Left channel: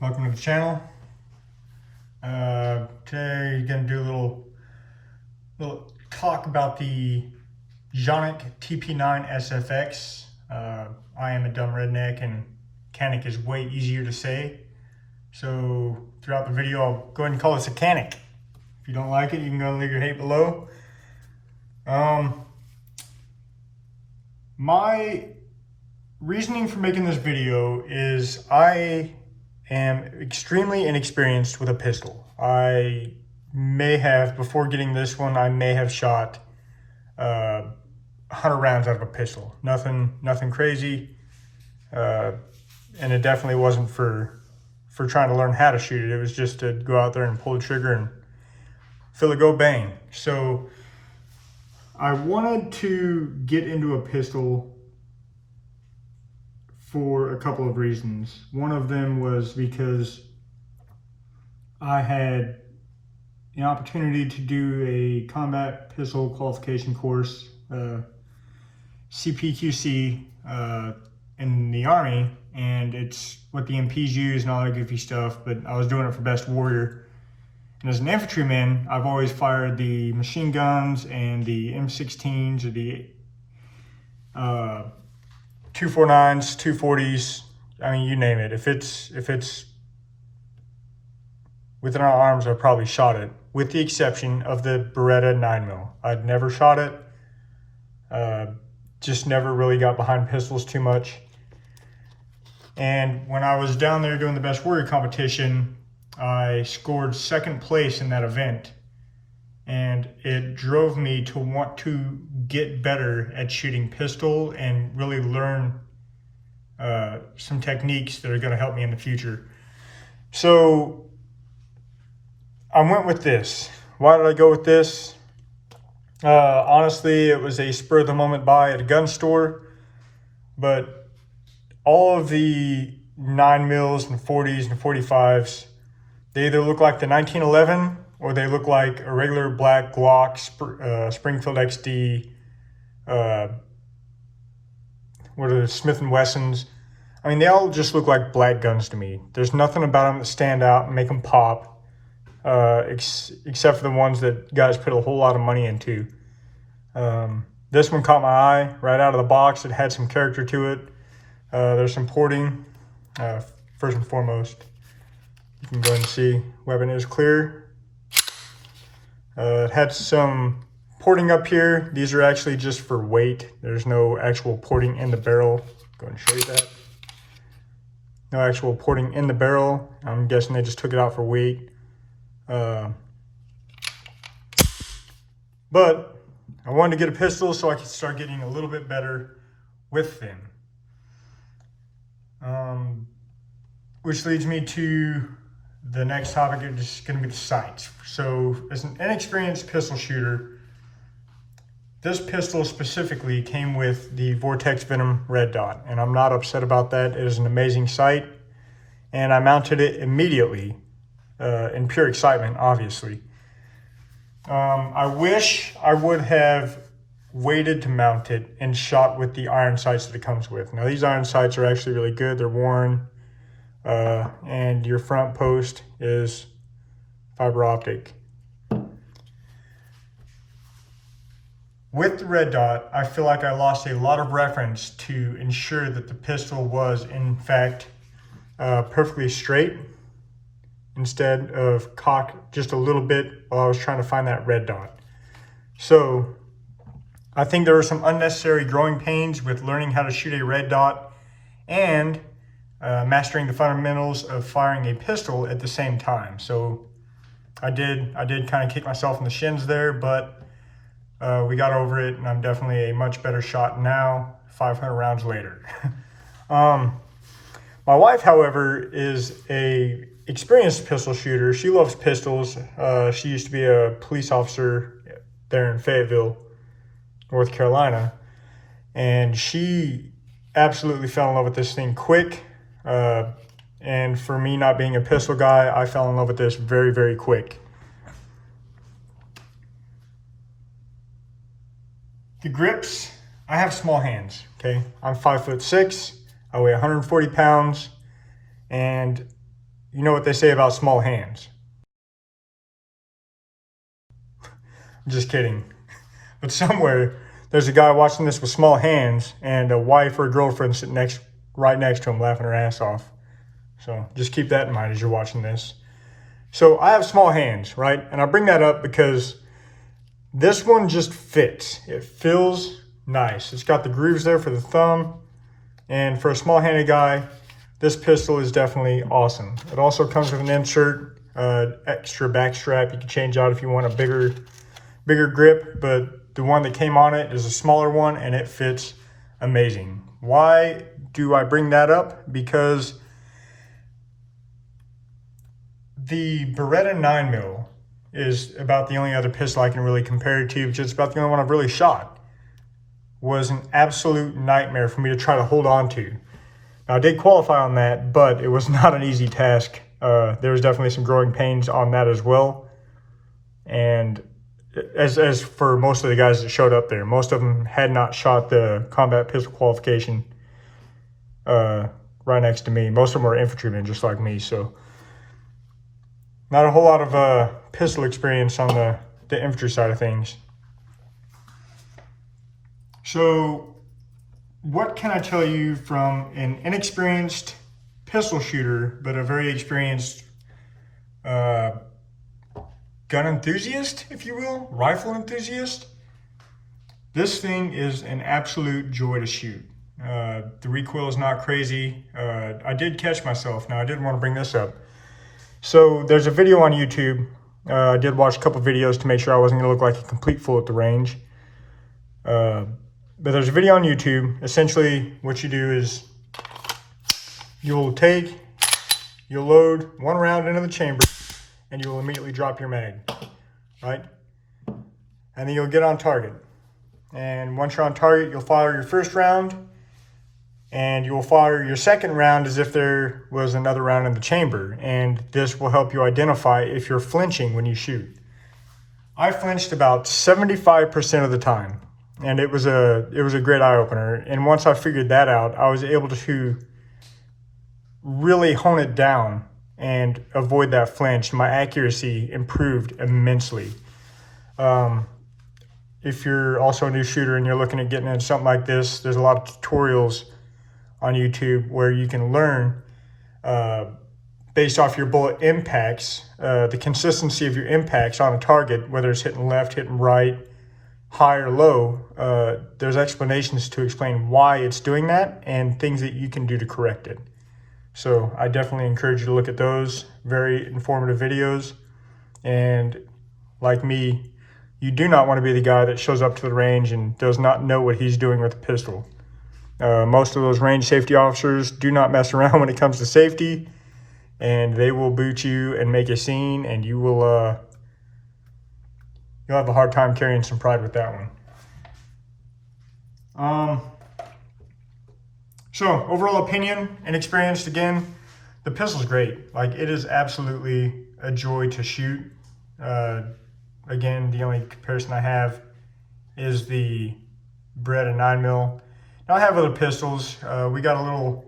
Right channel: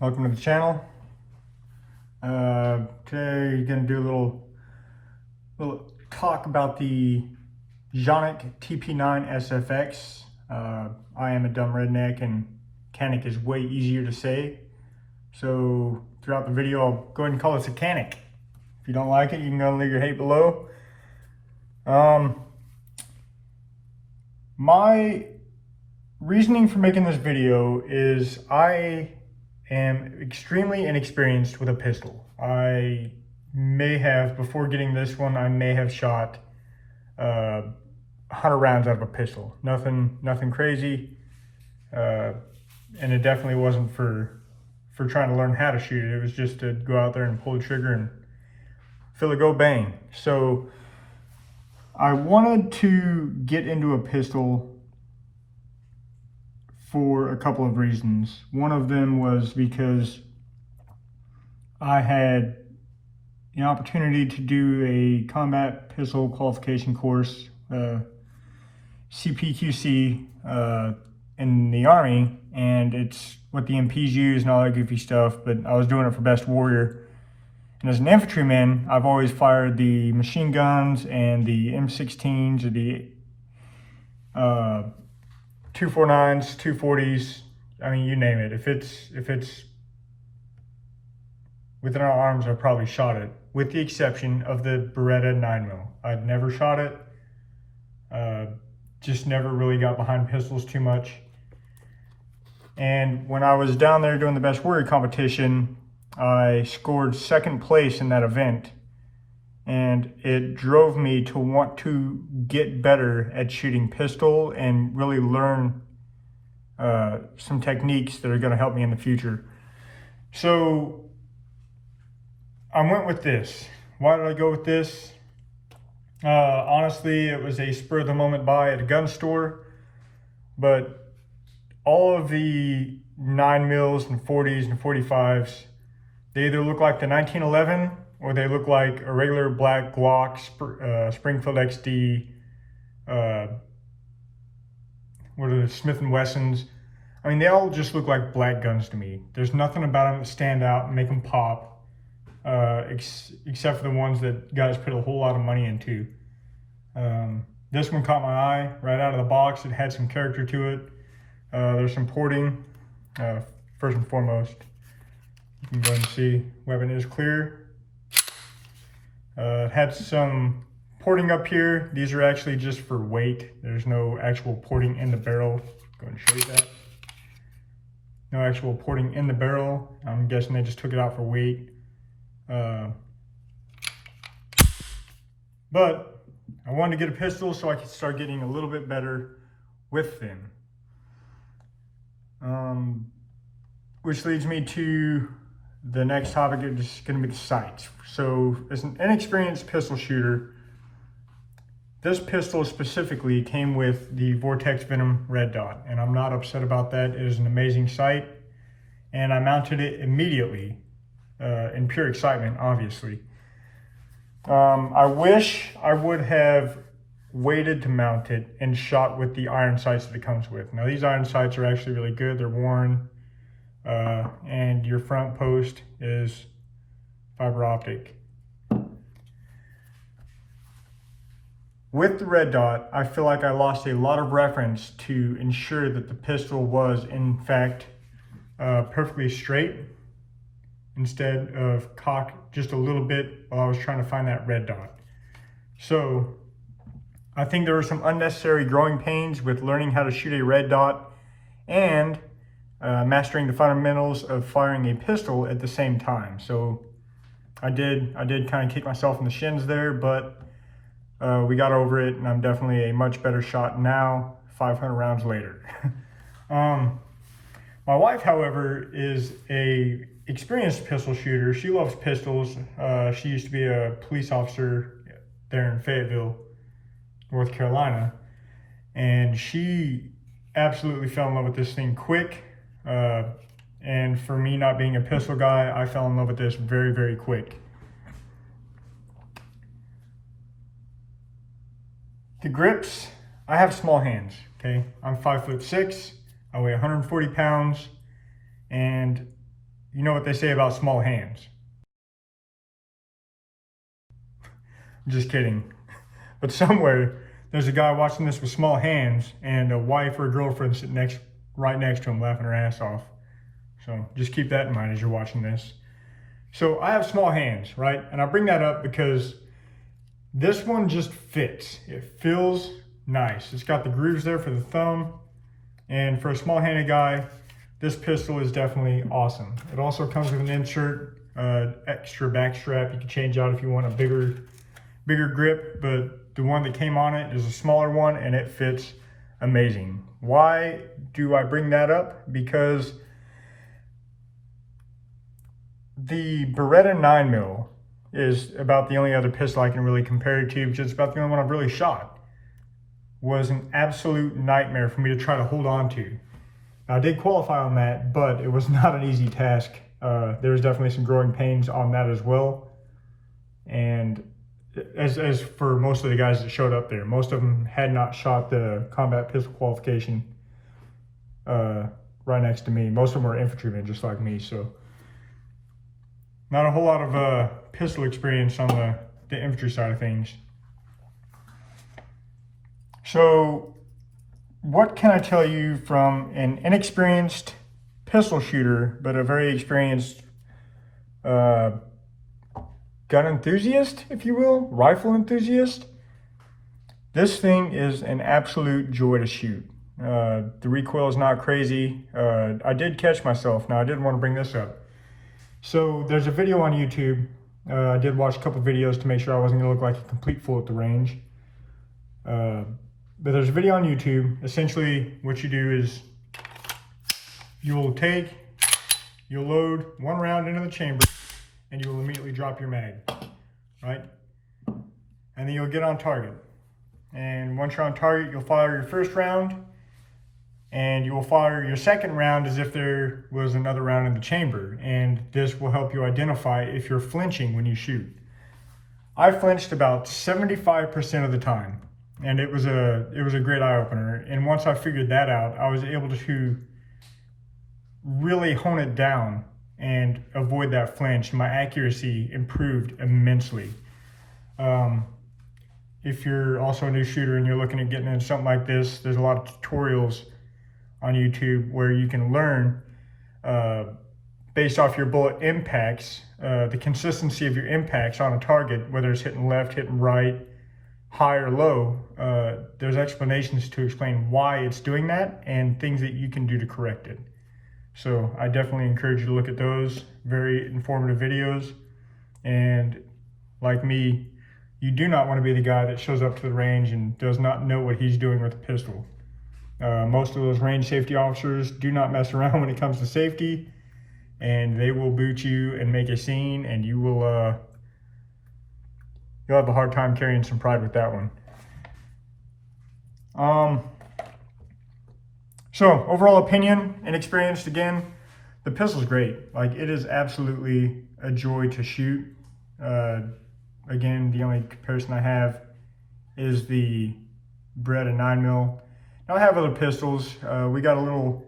welcome to the channel. Today you're gonna do a little talk about the Canik TP9-SFX. I am a dumb redneck and Canik is way easier to say. So throughout the video, I'll go ahead and call this a Canik. If you don't like it, you can go and leave your hate below. My reasoning for making this video is I am extremely inexperienced with a pistol. I may have, before getting this one, I may have shot 100 rounds out of a pistol. Nothing crazy. And it definitely wasn't for trying to learn how to shoot it. It was just to go out there and pull the trigger and feel it go bang. So I wanted to get into a pistol for a couple of reasons. One of them was because I had an opportunity to do a combat pistol qualification course, CPQC, in the Army, and it's what the MPs use and all that goofy stuff, but I was doing it for Best Warrior. And as an infantryman, I've always fired the machine guns and the M16s or the 249s, 240s, I mean, you name it. If it's within our arms, I probably shot it, with the exception of the Beretta 9mm. I'd never shot it. Just never really got behind pistols too much. And when I was down there doing the Best Warrior competition, I scored second place in that event. And it drove me to want to get better at shooting pistol and really learn some techniques that are going to help me in the future. So I went with this. Why did I go with this? Honestly, it was a spur of the moment buy at a gun store, but all of the 9mm and 40s and 45s, they either look like the 1911 or they look like a regular black Glock, Springfield XD, what are the Smith & Wessons. I mean, they all just look like black guns to me. There's nothing about them that stand out and make them pop, except for the ones that guys put a whole lot of money into. This one caught my eye right out of the box. It had some character to it. There's some porting, first and foremost. You can go ahead and see, weapon is clear. It had some porting up here. These are actually just for weight. There's no actual porting in the barrel. Go ahead and show you that. No actual porting in the barrel. I'm guessing they just took it out for weight. But I wanted to get a pistol so I could start getting a little bit better with them. Which leads me to the next topic, is going to be the sights. So as an inexperienced pistol shooter, this pistol specifically came with the Vortex Venom Red Dot, and I'm not upset about that. It is an amazing sight, and I mounted it immediately in pure excitement, obviously. I wish I would have waited to mount it and shot with the iron sights that it comes with. Now, these iron sights are actually really good. They're worn, and your front post is fiber optic. With the red dot, I feel like I lost a lot of reference to ensure that the pistol was, in fact, perfectly straight, instead of cocked just a little bit while I was trying to find that red dot. So I think there were some unnecessary growing pains with learning how to shoot a red dot and mastering the fundamentals of firing a pistol at the same time. So I did kind of kick myself in the shins there, but we got over it, and I'm definitely a much better shot now, 500 rounds later. My wife, however, is a experienced pistol shooter. She loves pistols. She used to be a police officer there in Fayetteville, North Carolina, and she absolutely fell in love with this thing quick. And for me, not being a pistol guy, I fell in love with this very, very quick. The grips, I have small hands, okay? I'm 5'6", I weigh 140 pounds, and you know what they say about small hands. Just kidding. But somewhere there's a guy watching this with small hands and a wife or a girlfriend sitting right next to him laughing her ass off. So just keep that in mind as you're watching this. So I have small hands, right? And I bring that up because this one just fits. It feels nice. It's got the grooves there for the thumb. And for a small-handed guy, this pistol is definitely awesome. It also comes with an insert, extra back strap. You can change out if you want a bigger grip, but the one that came on it is a smaller one and it fits amazing. Why do I bring that up? Because the Beretta 9mm is about the only other pistol I can really compare it to, which is about the only one I've really shot. Was an absolute nightmare for me to try to hold on to. Now, I did qualify on that, but it was not an easy task. There was definitely some growing pains on that as well. And as for most of the guys that showed up there, most of them had not shot the combat pistol qualification right next to me. Most of them were infantrymen just like me, so not a whole lot of pistol experience on the infantry side of things. So what can I tell you from an inexperienced pistol shooter, but a very experienced gun enthusiast, if you will, rifle enthusiast? This thing is an absolute joy to shoot. The recoil is not crazy. I did catch myself. Now, I did want to bring this up. So there's a video on YouTube. I did watch a couple videos to make sure I wasn't going to look like a complete fool at the range. But there's a video on YouTube. Essentially, what you do is you'll load one round into the chamber, and you will immediately drop your mag, right? And then you'll get on target. And once you're on target, you'll fire your first round, and you will fire your second round as if there was another round in the chamber. And this will help you identify if you're flinching when you shoot. I flinched about 75% of the time. And it was a great eye-opener. And once I figured that out, I was able to really hone it down and avoid that flinch. My accuracy improved immensely. If you're also a new shooter and you're looking at getting into something like this, there's a lot of tutorials on YouTube where you can learn based off your bullet impacts, the consistency of your impacts on a target, whether it's hitting left, hitting right, high or low. There's explanations to explain why it's doing that and things that you can do to correct it. So I definitely encourage you to look at those very informative videos. And like me, you do not want to be the guy that shows up to the range and does not know what he's doing with a pistol. Most of those range safety officers do not mess around when it comes to safety, and they will boot you and make a scene, and you will you'll have a hard time carrying some pride with that one. So overall opinion and experience, again, the pistol's great. Like, it is absolutely a joy to shoot. Again, the only comparison I have is the Beretta 9mm. Now I have other pistols. We got a little,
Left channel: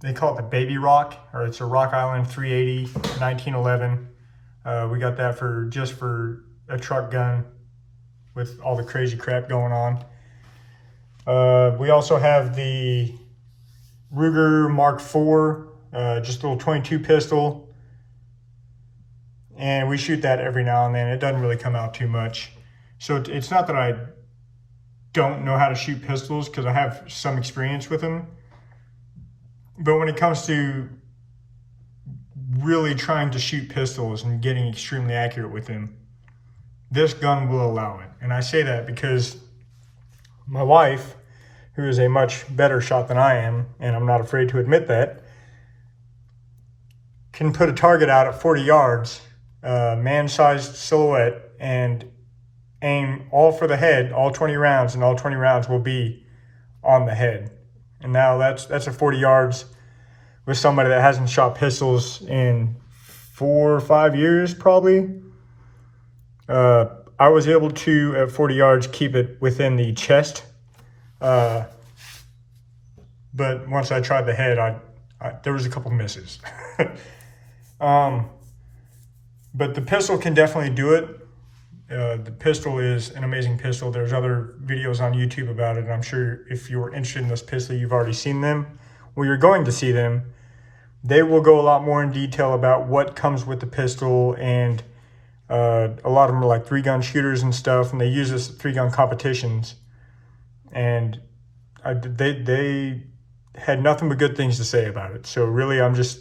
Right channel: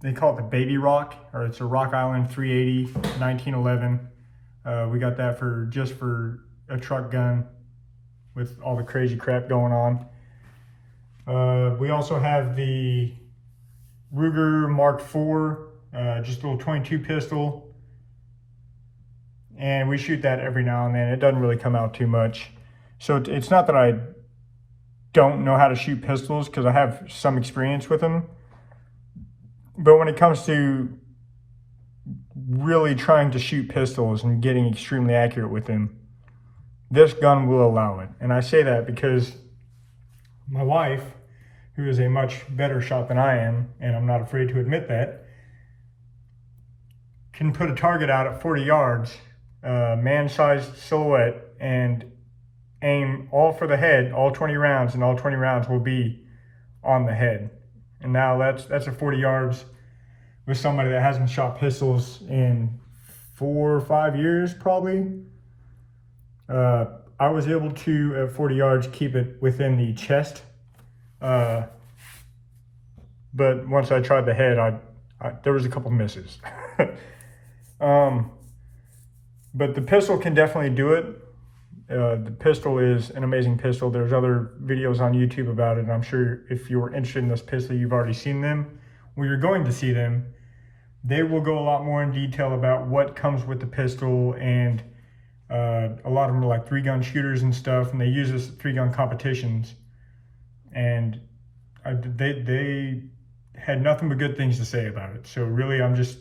they call it the Baby Rock, or it's a Rock Island 380 1911. We got that just for a truck gun with all the crazy crap going on. We also have the Ruger Mark IV, just a little 22 pistol. And we shoot that every now and then. It doesn't really come out too much. So it's not that I don't know how to shoot pistols, because I have some experience with them. But when it comes to really trying to shoot pistols and getting extremely accurate with them, this gun will allow it. And I say that because my wife, who is a much better shot than I am, and I'm not afraid to admit that, can put a target out at 40 yards, man-sized silhouette, and aim all for the head, all 20 rounds, and all 20 rounds will be on the head. And now that's at 40 yards with somebody that hasn't shot pistols in 4 or 5 years probably. I was able to, at 40 yards, keep it within the chest. But once I tried the head, I there was a couple misses. But the pistol can definitely do it. The pistol is an amazing pistol. There's other videos on YouTube about it, and I'm sure if you're interested in this pistol, you've already seen them. Well, you're going to see them. They will go a lot more in detail about what comes with the pistol, and a lot of them are like 3-gun shooters and stuff, and they use this 3-gun competitions. And they had nothing but good things to say about it. So really, I'm just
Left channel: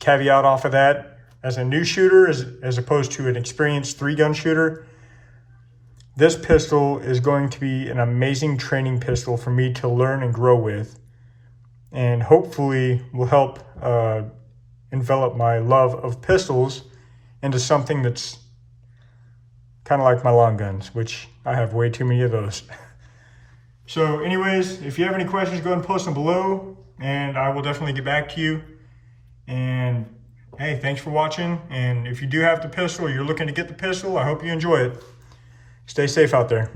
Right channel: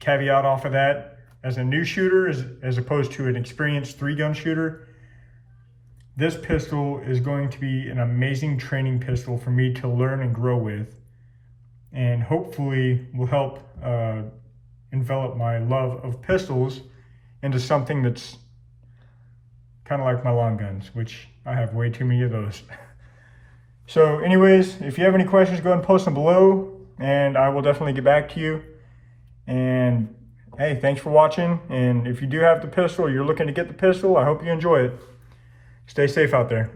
caveat off of that. As a new shooter, as opposed to an experienced 3-gun shooter, this pistol is going to be an amazing training pistol for me to learn and grow with, and hopefully will help envelop my love of pistols into something that's kind of like my long guns, which I have way too many of those. So anyways, if you have any questions, go ahead and post them below, and I will definitely get back to you. And hey, thanks for watching. And if you do have the pistol, or you're looking to get the pistol, I hope you enjoy it. Stay safe out there.